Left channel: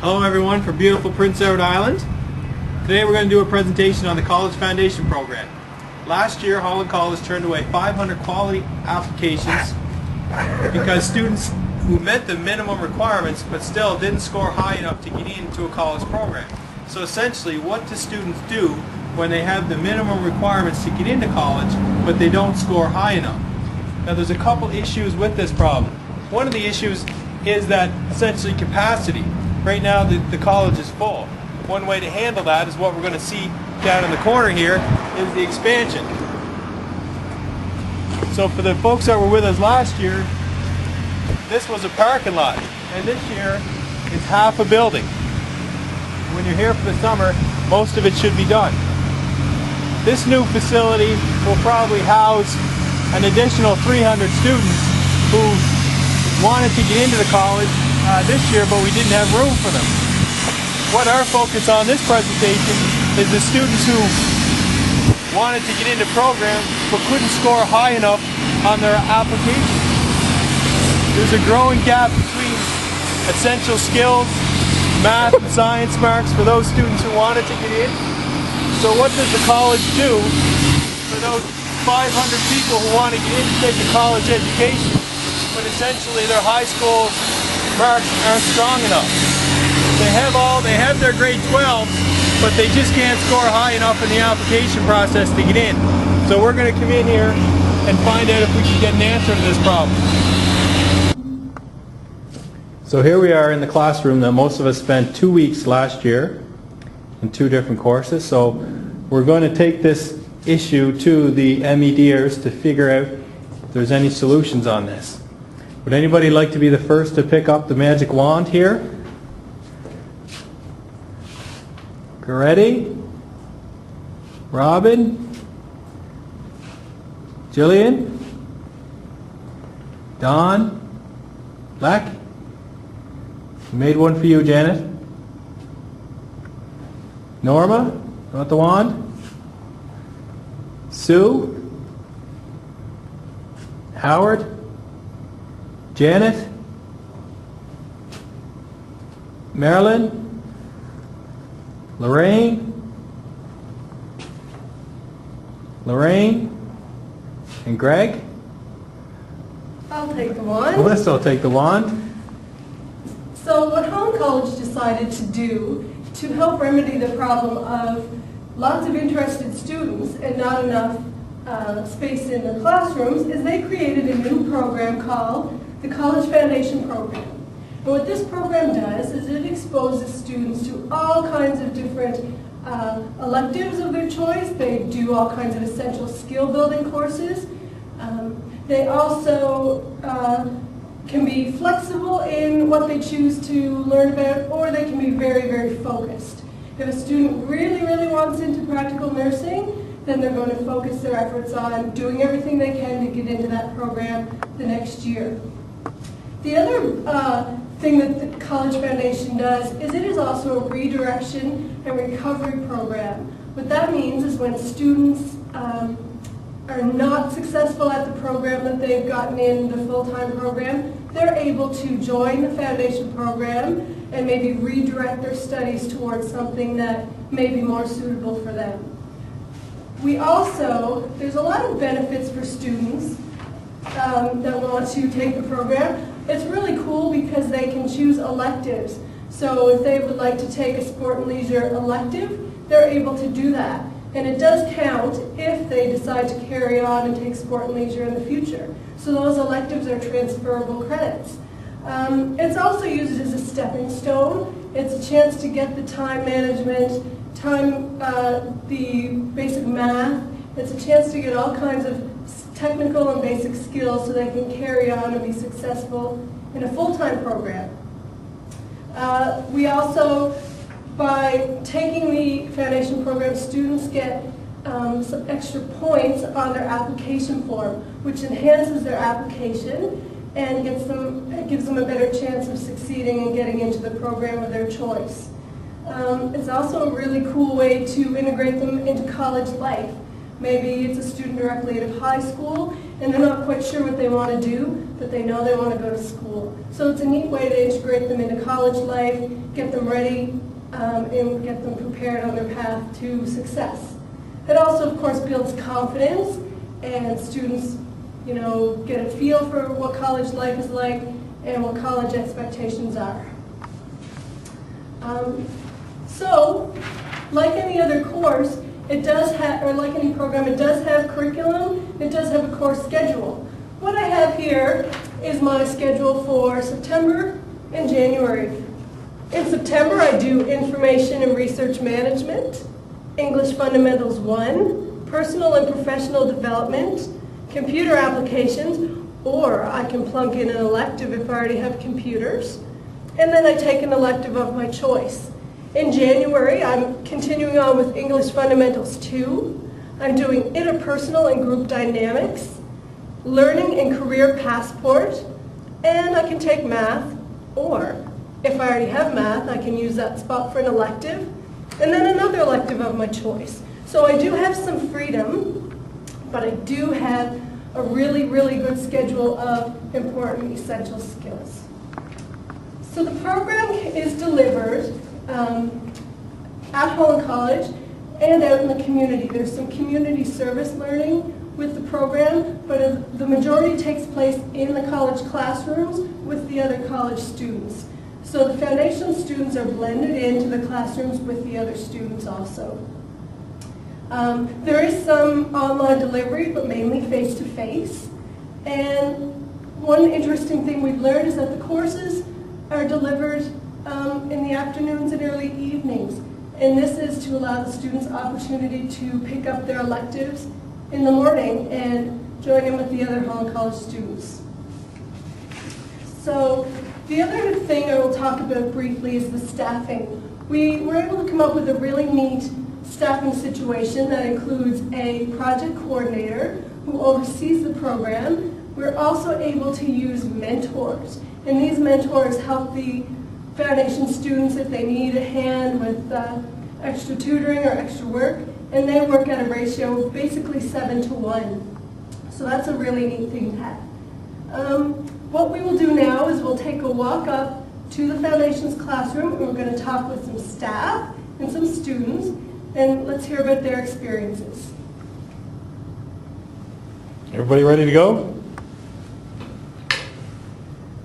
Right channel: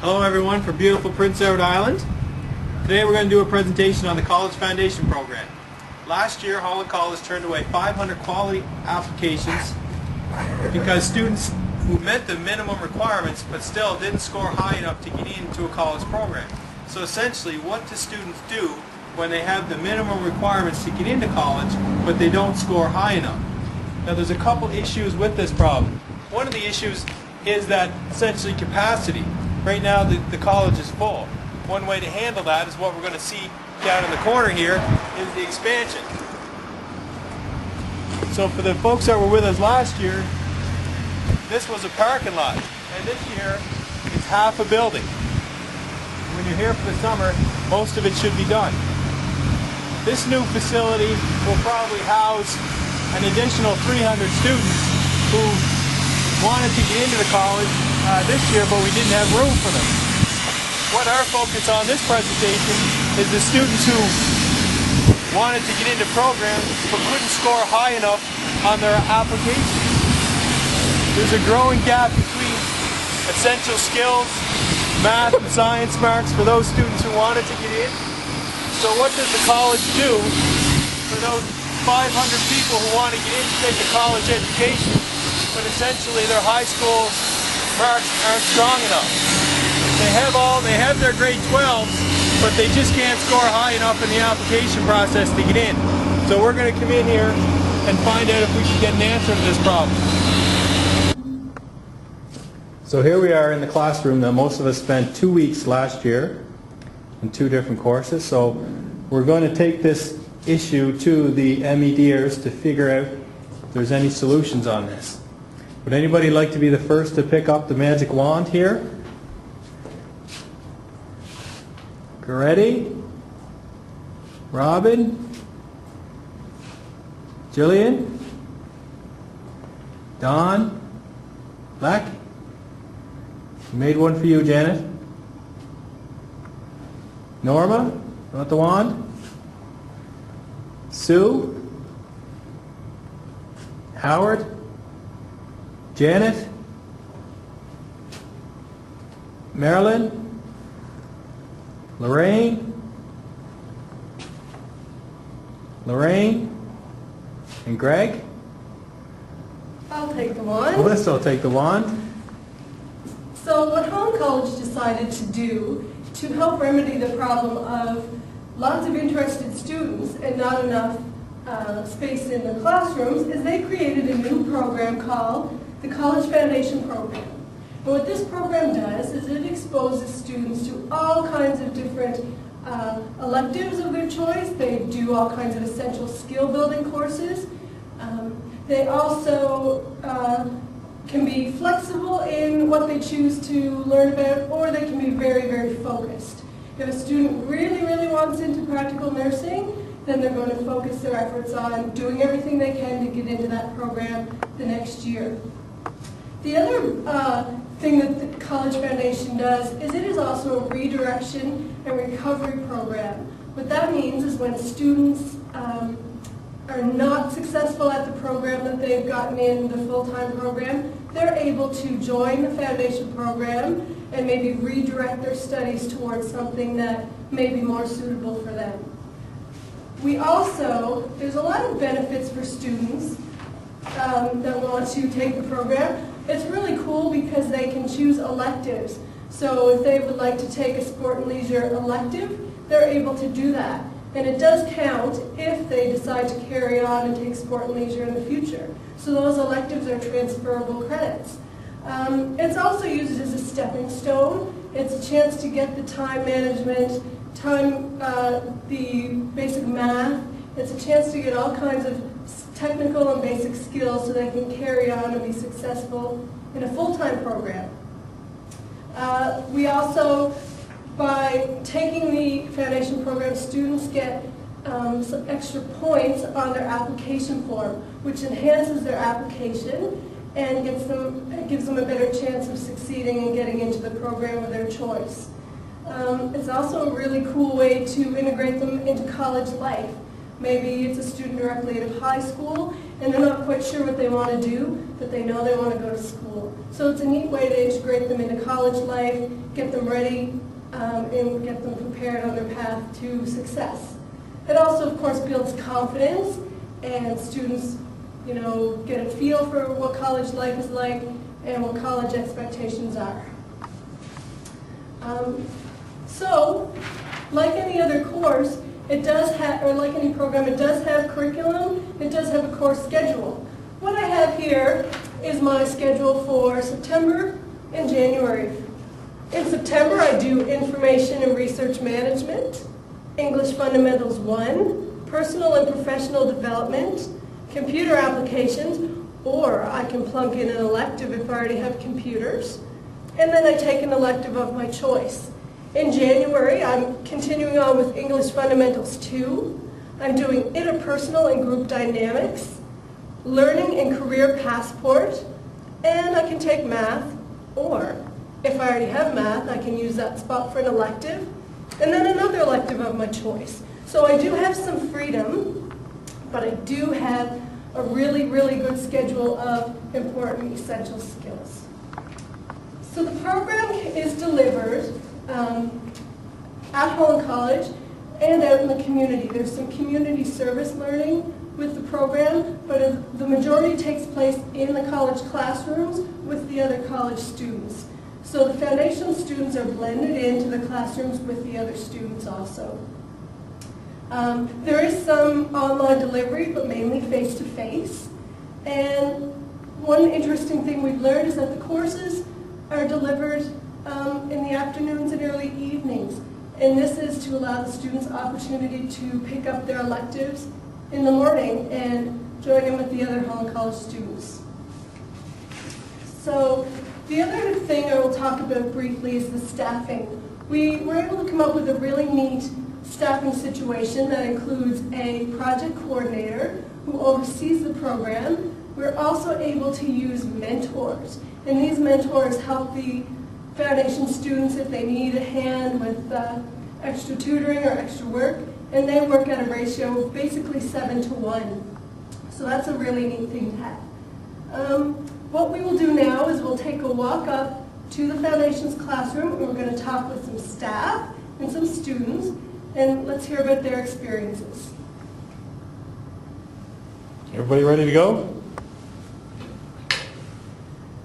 Hello everyone from beautiful Prince Edward Island. Today we're going to do a presentation on the College Foundation Program. Last year Holland College turned away 500 quality applications because students who met the minimum requirements but still didn't score high enough to get into a college program. So essentially, what do students do when they have the minimum requirements to get into college but they don't score high enough? Now there's a couple issues with this problem. One of the issues is that essentially capacity. Right now the college is full. One way to handle that is what we're going to see down in the corner here is the expansion. So for the folks that were with us last year, this was a parking lot, and this year it's half a building. When you're here for the summer, most of it should be done. This new facility will probably house an additional 300 students who wanted to get into the college this year, but we didn't have room for them. What our focus on this presentation is the students who wanted to get into programs but couldn't score high enough on their application. There's a growing gap between essential skills, math and science marks for those students who wanted to get in. So what does the college do for those 500 people who want to get in to take a college education, but essentially their high school marks aren't strong enough? They have their grade 12, but they just can't score high enough in the application process to get in. So we're going to come in here and find out if we can get an answer to this problem. So here we are in the classroom that most of us spent 2 weeks last year in 2 different courses. So we're going to take this issue to the MEDers to figure out if there's any solutions on this. Would anybody like to be the first to pick up the magic wand here? Ready? Robin? Jillian? Don? Leck? Made one for you, Janet. Norma? You want the wand? Sue? Howard? Janet? Marilyn? Lorraine? Lorraine? And Greg? I'll take the wand. Melissa will take the wand. So what Holland College decided to do to help remedy the problem of lots of interested students and not enough space in the classrooms is they created a new program called the College Foundation Program. And what this program does is it exposes students to all kinds of different electives of their choice. They do all kinds of essential skill building courses. They also can be flexible in what they choose to learn about, or they can be very, very focused. If a student really, really wants into practical nursing, then they're going to focus their efforts on doing everything they can to get into that program the next year. The other thing that the College Foundation does is it is also a redirection and recovery program. What that means is when students are not successful at the program that they've gotten in the full-time program, they're able to join the foundation program and maybe redirect their studies towards something that may be more suitable for them. There's a lot of benefits for students that want to take the program. It's really cool because they can choose electives. So if they would like to take a sport and leisure elective, they're able to do that. And it does count if they decide to carry on and take sport and leisure in the future. So those electives are transferable credits. It's also used as a stepping stone. It's a chance to get the time management, the basic math. It's a chance to get all kinds of technical and basic skills so they can carry on and be successful in a full-time program. We also, by taking the foundation program, students get some extra points on their application form, which enhances their application and gives them a better chance of succeeding and getting into the program of their choice. It's also a really cool way to integrate them into college life. Maybe it's a student directly out of high school and they're not quite sure what they want to do, but they know they want to go to school. So it's a neat way to integrate them into college life, get them ready, and get them prepared on their path to success. It also, of course, builds confidence, and students, get a feel for what college life is like and what college expectations are. So, like any other course, it does have, or like any program, it does have curriculum, it does have a course schedule. What I have here is my schedule for September and January. In September, I do Information and Research Management, English Fundamentals 1, Personal and Professional Development, Computer Applications, or I can plunk in an elective if I already have computers, and then I take an elective of my choice. In January, I'm continuing on with English Fundamentals 2. I'm doing Interpersonal and Group Dynamics, Learning and Career Passport, and I can take Math, or if I already have Math, I can use that spot for an elective, and then another elective of my choice. So I do have some freedom, but I do have a really, really good schedule of important essential skills. So the program is delivered at Holland College and out in the community. There's some community service learning with the program, but the majority takes place in the college classrooms with the other college students. So the foundation students are blended into the classrooms with the other students also. There is some online delivery, but mainly face-to-face. And one interesting thing we've learned is that the courses are delivered in the afternoons and early evenings. And this is to allow the students opportunity to pick up their electives in the morning and join in with the other Holland College students. So the other thing I will talk about briefly is the staffing. We were able to come up with a really neat staffing situation that includes a project coordinator who oversees the program. We're also able to use mentors, and these mentors help the foundation students if they need a hand with extra tutoring or extra work, and they work at a ratio of basically 7-to-1. So that's a really neat thing to have. What we will do now is we'll take a walk up to the foundation's classroom, and we're going to talk with some staff and some students, and let's hear about their experiences. Everybody ready to go?